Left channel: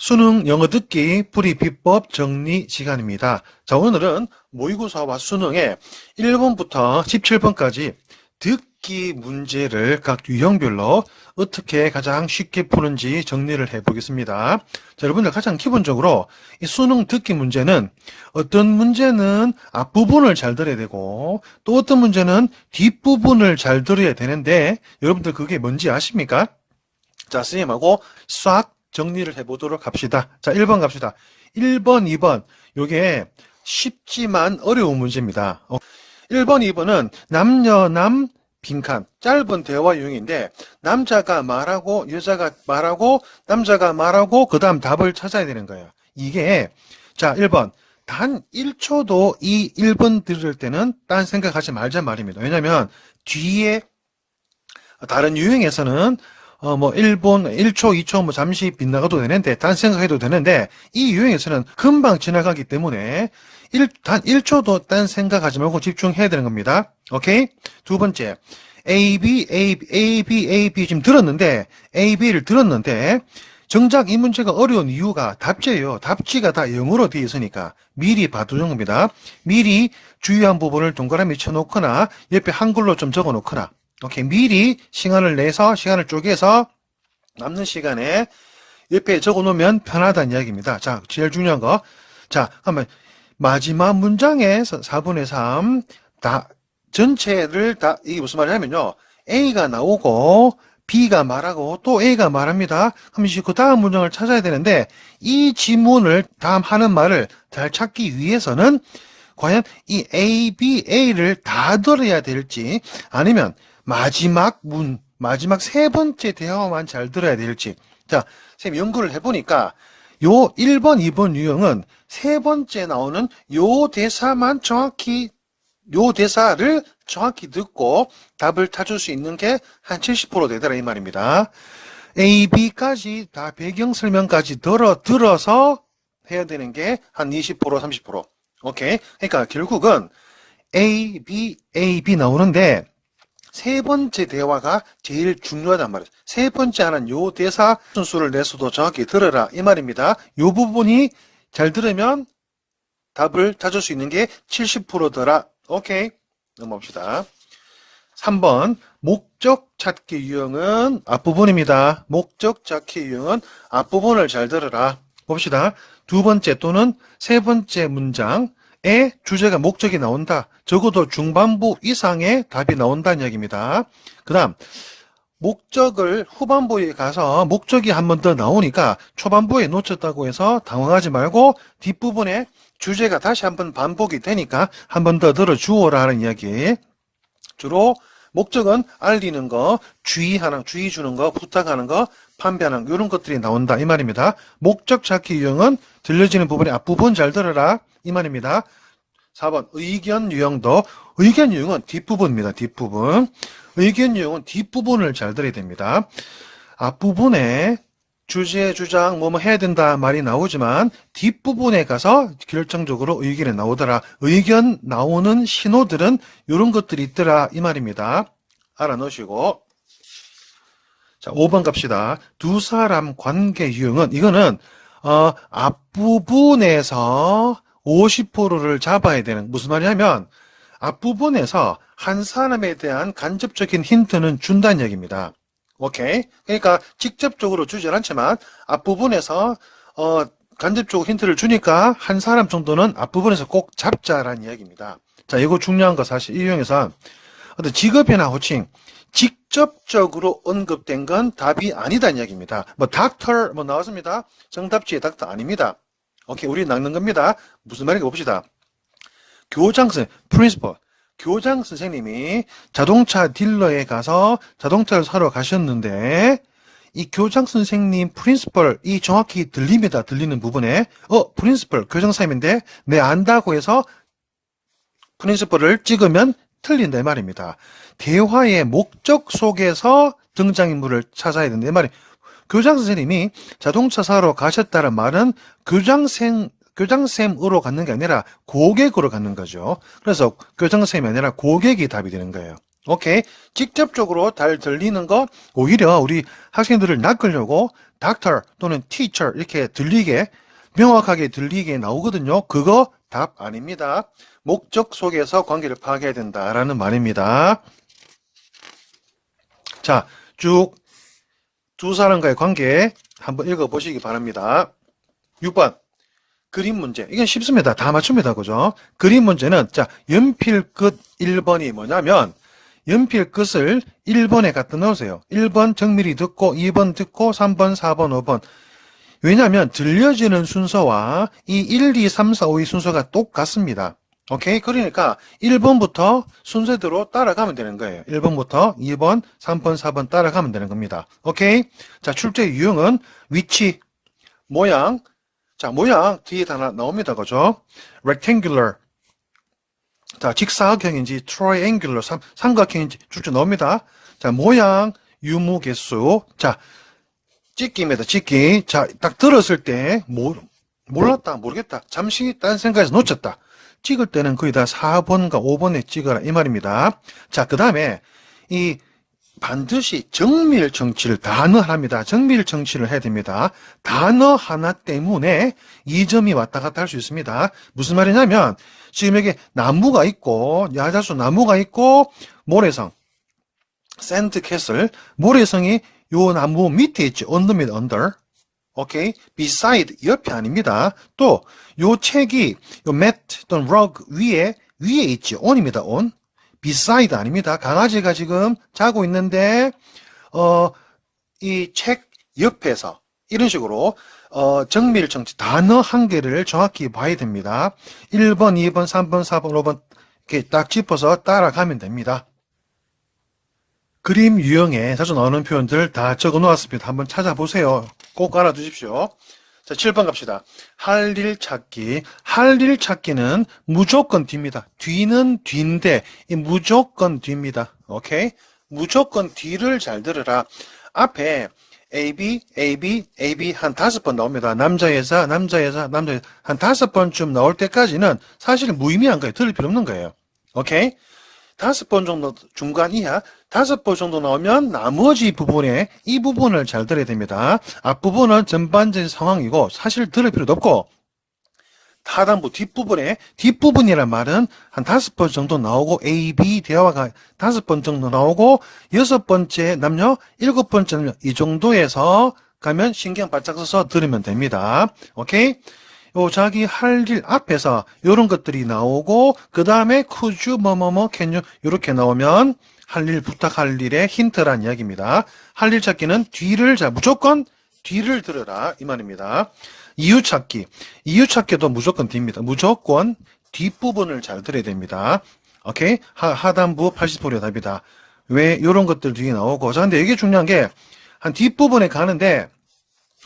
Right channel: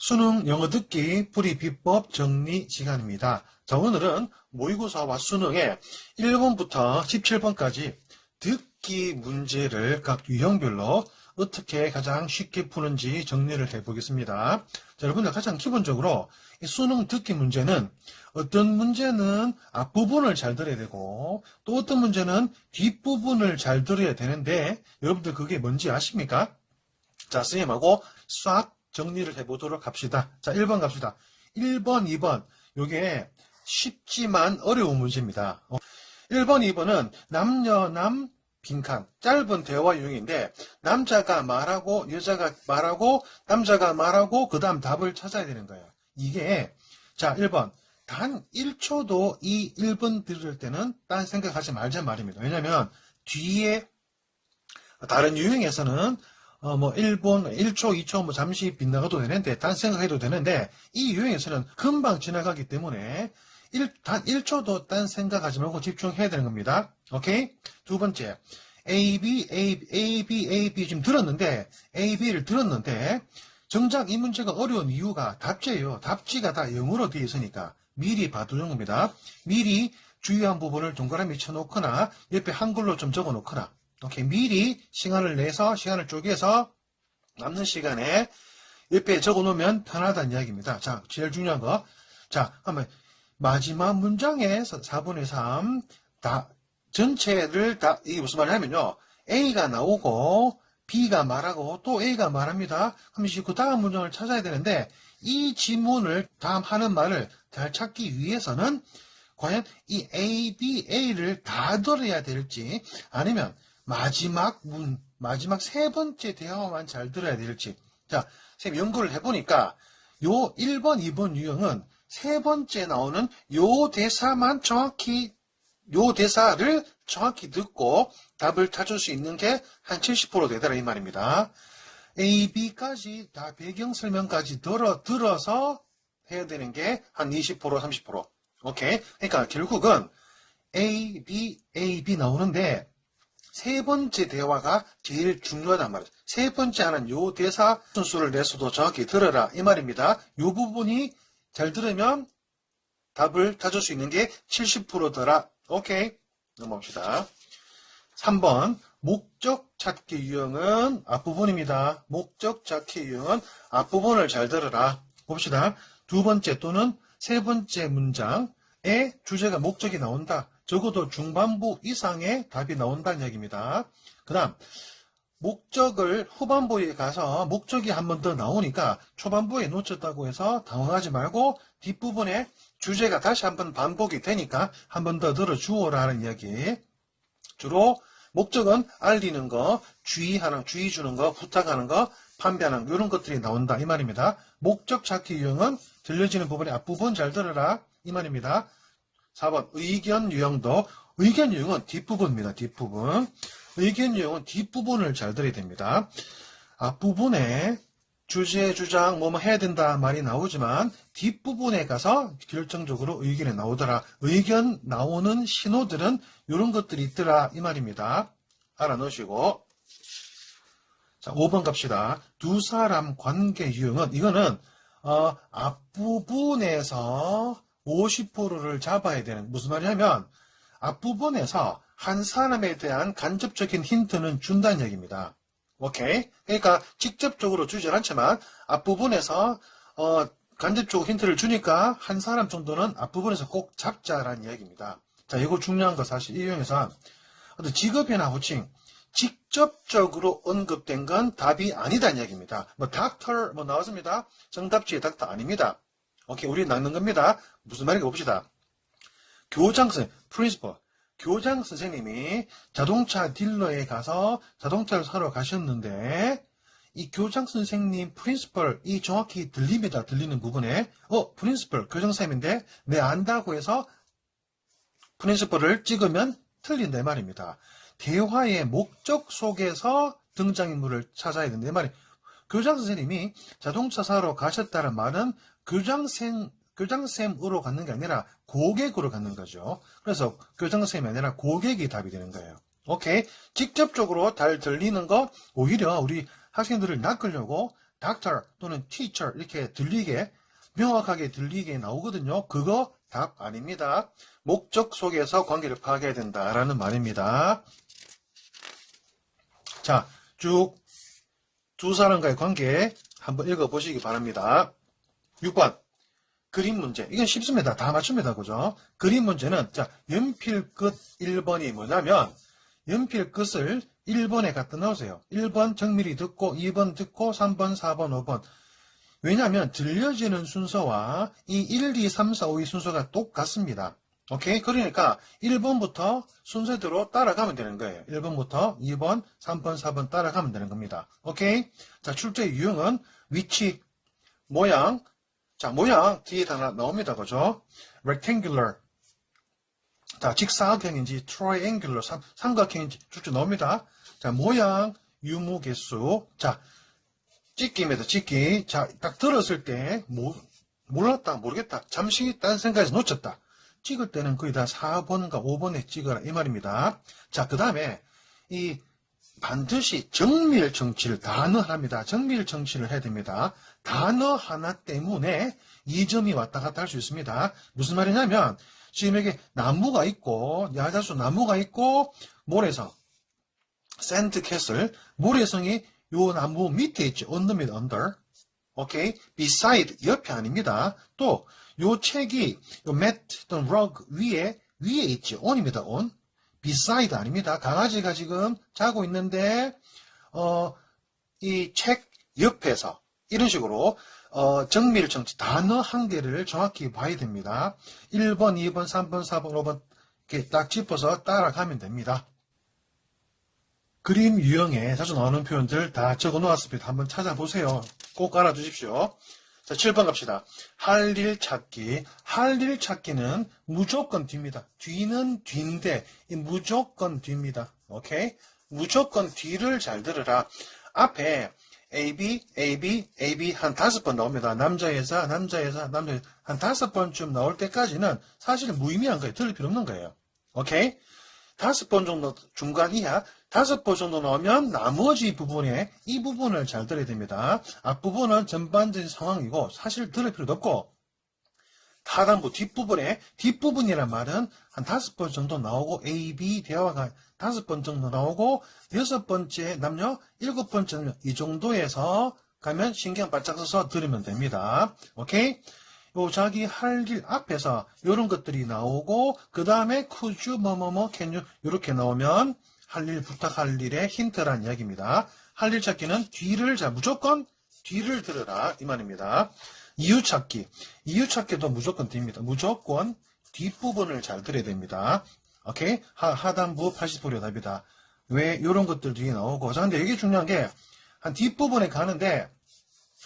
수능 영어 듣기 풀이 비법 정리 시간입니다. 자, 오늘은 모의고사와 수능의 1번부터 17번까지 듣기 문제를 각 유형별로 어떻게 가장 쉽게 푸는지 정리를 해 보겠습니다. 자, 여러분들 가장 기본적으로 이 수능 듣기 문제는 어떤 문제는 앞부분을 잘 들어야 되고 또 어떤 문제는 뒷부분을 잘 들어야 되는데 여러분들 그게 뭔지 아십니까? 자, 선생님하고 싹 정리를 해보도록 합시다. 자, 1번 갑시다. 1번, 2번. 요게 쉽지만 어려운 문제입니다. 어, 1번, 2번은 남녀남 빈칸, 짧은 대화 유형인데, 남자가 말하고, 여자가 말하고, 남자가 말하고, 그 다음 답을 찾아야 되는 거예요. 이게, 자, 1번. 단 1초도 이 1번 들을 때는 딴 생각하지 말자 말입니다. 왜냐면, 뒤에 다른 유형에서는 어, 뭐, 1분, 1초, 2초, 뭐, 잠시 빗나가도 되는데, 딴 생각해도 되는데, 이 유형에서는 금방 지나가기 때문에, 일, 단 1초도 딴 생각하지 말고 집중해야 되는 겁니다. 오케이? 두 번째. A, B, A, B, A, B, A, B 지금 들었는데, A, B를 들었는데, 정작 이 문제가 어려운 이유가 답지예요. 답지가 다 영어로 되어 있으니까 미리 봐두는 겁니다. 미리 주요한 부분을 동그라미 쳐놓거나 옆에 한글로 좀 적어 놓거나 오케이. 미리 시간을 내서, 시간을 쪼개서 남는 시간에 옆에 적어 놓으면 편하다는 이야기입니다. 자, 제일 중요한 거. 자, 한번 마지막 문장에서 4분의 3, 다, 전체를 다, 이게 무슨 말이냐면요. A가 나오고, B가 말하고, 또 A가 말합니다. 그럼 이제 그 다음 문장을 찾아야 되는데, 이 지문을 다음 하는 말을 잘 찾기 위해서는, 과연 이 A, B, A를 다 들어야 될지, 아니면 마지막 문, 마지막 세 번째 대화만 잘 들어야 될지. 자, 선생님 연구를 해보니까 요 1번, 2번 유형은 세 번째 나오는 요 대사만 정확히, 요 대사를 정확히 듣고 답을 찾을 수 있는 게 한 70% 되더라 이 말입니다. A, B까지 다 배경 설명까지 들어, 들어서 해야 되는 게 한 20%, 30%. 오케이? 그러니까 결국은 A, B, A, B 나오는데 세 번째 대화가 제일 중요하단 말이에요. 세 번째 하는 요 대사 순수를 내서도 정확히 들어라 이 말입니다. 요 부분이 잘 들으면 답을 찾을 수 있는 게 70%더라. 오케이. 넘어갑시다. 3번 목적 찾기 유형은 앞부분입니다. 목적 찾기 유형은 앞부분을 잘 들어라. 봅시다. 두 번째 또는 세 번째 문장에 주제가 목적이 나온다. 적어도 중반부 이상의 답이 나온다는 이야기입니다. 그 다음 목적을 후반부에 가서 목적이 한 번 더 나오니까 초반부에 놓쳤다고 해서 당황하지 말고 뒷부분에 주제가 다시 한 번 반복이 되니까 한 번 더 들어주어라 하는 이야기. 주로 목적은 알리는 거, 주의하는, 주의 주는 거, 부탁하는 거, 판별하는 거, 이런 것들이 나온다. 이 말입니다. 목적 찾기 유형은 들려지는 부분의 앞부분 잘 들어라. 이 말입니다. 4번 의견 유형도 의견 유형은 뒷부분입니다. 뒷부분. 의견 유형은 뒷부분을 잘 들어야 됩니다. 앞부분에 주제, 주장, 뭐 뭐 해야 된다 말이 나오지만 뒷부분에 가서 결정적으로 의견이 나오더라. 의견 나오는 신호들은 이런 것들이 있더라. 이 말입니다. 알아 놓으시고. 자, 5번 갑시다. 두 사람 관계 유형은 이거는 어, 앞부분에서 50%를 잡아야 되는 무슨 말이냐면 앞부분에서 한 사람에 대한 간접적인 힌트는 준다는 얘기입니다. 오케이? 그러니까 직접적으로 주진 않지만 앞부분에서 어, 간접적으로 힌트를 주니까 한 사람 정도는 앞부분에서 꼭 잡자라는 이야기입니다. 자, 이거 중요한 거 사실 이 유형에서 어떤 직업이나 호칭 직접적으로 언급된 건 답이 아니다는 이야기입니다. 뭐 닥터 뭐 나왔습니다. 정답지의 닥터 아닙니다. 오케이, 우리 낚는 겁니다. 무슨 말인가 봅시다. 교장 선생, 프린시퍼. 교장 선생님이 자동차 딜러에 가서 자동차를 사러 가셨는데, 이 교장 선생님 프린시펄, 이 정확히 들립니다. 들리는 부분에. 어, 프린시펄, 교장 선생님인데, 내 안다고 해서 프린시펄을 찍으면 틀린다 이 말입니다. 대화의 목적 속에서 등장인물을 찾아야 된다 이 말이. 교장 선생님이 자동차 사러 가셨다는 말은 교장생 교장쌤으로 갖는 게 아니라 고객으로 갖는 거죠. 그래서 교장쌤이 아니라 고객이 답이 되는 거예요. 오케이. 직접적으로 잘 들리는 거 오히려 우리 학생들을 낚으려고 doctor 또는 teacher 이렇게 들리게 명확하게 들리게 나오거든요. 그거 답 아닙니다. 목적 속에서 관계를 파악해야 된다라는 말입니다. 자, 쭉 두 사람과의 관계 한번 읽어보시기 바랍니다. 6번 그림 문제. 이건 쉽습니다. 다 맞춥니다. 그죠? 그림 문제는 자 연필 끝 1번이 뭐냐면 연필 끝을 1번에 갖다 넣으세요. 1번 정밀히 듣고 2번 듣고 3번, 4번, 5번. 왜냐하면 들려지는 순서와 이 1, 2, 3, 4, 5의 순서가 똑같습니다. 오케이? 그러니까 1번부터 순서대로 따라가면 되는 거예요. 1번부터 2번, 3번, 4번 따라가면 되는 겁니다. 오케이? 자, 출제 유형은 위치, 모양, 자, 모양 뒤에 다 나- 나옵니다. 그죠? rectangular. 자, 직사각형인지 triangular, 삼, 삼각형인지 출제 나옵니다. 자, 모양, 유무 개수. 자, 찍기입니다. 찍기. 자, 딱 들었을 때 모, 몰랐다, 모르겠다. 잠시 딴 생각에서 놓쳤다. 찍을 때는 거의 다 4번과 5번에 찍어라 이 말입니다. 자, 그 다음에 이 반드시 정밀 정치를 단어 하나입니다. 정밀 정치를 해야 됩니다. 단어 하나 때문에 이 점이 왔다 갔다 할 수 있습니다. 무슨 말이냐면 지금 여기 나무가 있고 야자수 나무가 있고 모래성 샌드 캐슬 모래성이 요 나무 밑에 있죠. 언더입니다. 언더. 오케이. beside 옆이 아닙니다. 또 요 책이 요 mat 또는 rug 위에 위에 있죠. on입니다. on. beside 아닙니다. 강아지가 지금 자고 있는데 어 이 책 옆에서 이런 식으로 어, 정밀 정치 단어 한 개를 정확히 봐야 됩니다. 1번, 2번, 3번, 4번, 5번 이렇게 딱 짚어서 따라가면 됩니다. 그림 유형에 자주 나오는 표현들 다 적어 놓았습니다. 한번 찾아보세요. 꼭 알아두십시오. 자, 7번 갑시다. 할 일 찾기. 할 일 찾기는 무조건 뒤입니다. 뒤는 뒤인데, 이 무조건 뒤입니다. 오케이? 무조건 뒤를 잘 들으라. 앞에 AB, AB, AB 한 다섯 번 나옵니다. 남자, 여자, 남자, 여자, 남자, 여자. 한 다섯 번쯤 나올 때까지는 사실 무의미한 거예요. 들을 필요 없는 거예요. 오케이? 다섯 번 정도 중간 이하, 다섯 번 정도 나오면 나머지 부분에 이 부분을 잘 들어야 됩니다. 앞부분은 전반적인 상황이고 사실 들을 필요도 없고 하단부 뒷부분에 뒷부분이란 말은 한 다섯 번 정도 나오고 A, B 대화가 다섯 번 정도 나오고 여섯 번째 남녀, 일곱 번째 남녀 이 정도에서 가면 신경 바짝 써서 들으면 됩니다. 오케이? 요 자기 할 일 앞에서 요런 것들이 나오고 그 다음에 you 뭐뭐뭐 you 요렇게 나오면 할 일 부탁할 일의 힌트란 이야기입니다. 할 일 찾기는 뒤를 자 무조건 뒤를 들으라 이 말입니다. 이유 찾기 이유 찾기도 무조건 뒤입니다. 무조건 뒷부분을 잘 들어야 됩니다. 오케이 하, 하단부 80%의 답이다. 왜 이런 것들 뒤에 나오고 자 근데 이게 중요한 게 한 뒷부분에 가는데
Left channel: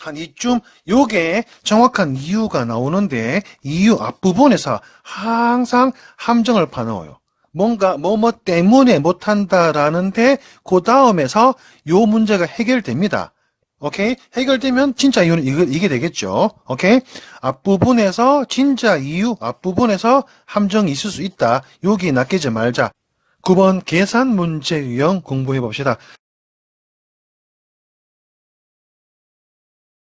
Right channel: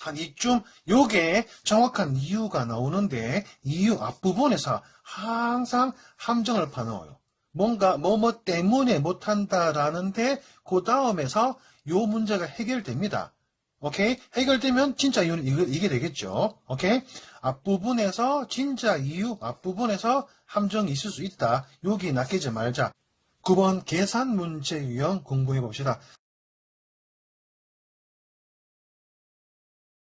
한 이쯤 요게 정확한 이유가 나오는데 이유 앞부분에서 항상 함정을 파놓아요. 뭔가 뭐뭐 때문에 못한다라는데 그 다음에서 요 문제가 해결됩니다. 오케이? 해결되면 진짜 이유는 이거, 이게 되겠죠. 오케이? 앞부분에서 진짜 이유, 앞부분에서 함정이 있을 수 있다. 여기 낚이지 말자. 9번 계산 문제 유형 공부해 봅시다.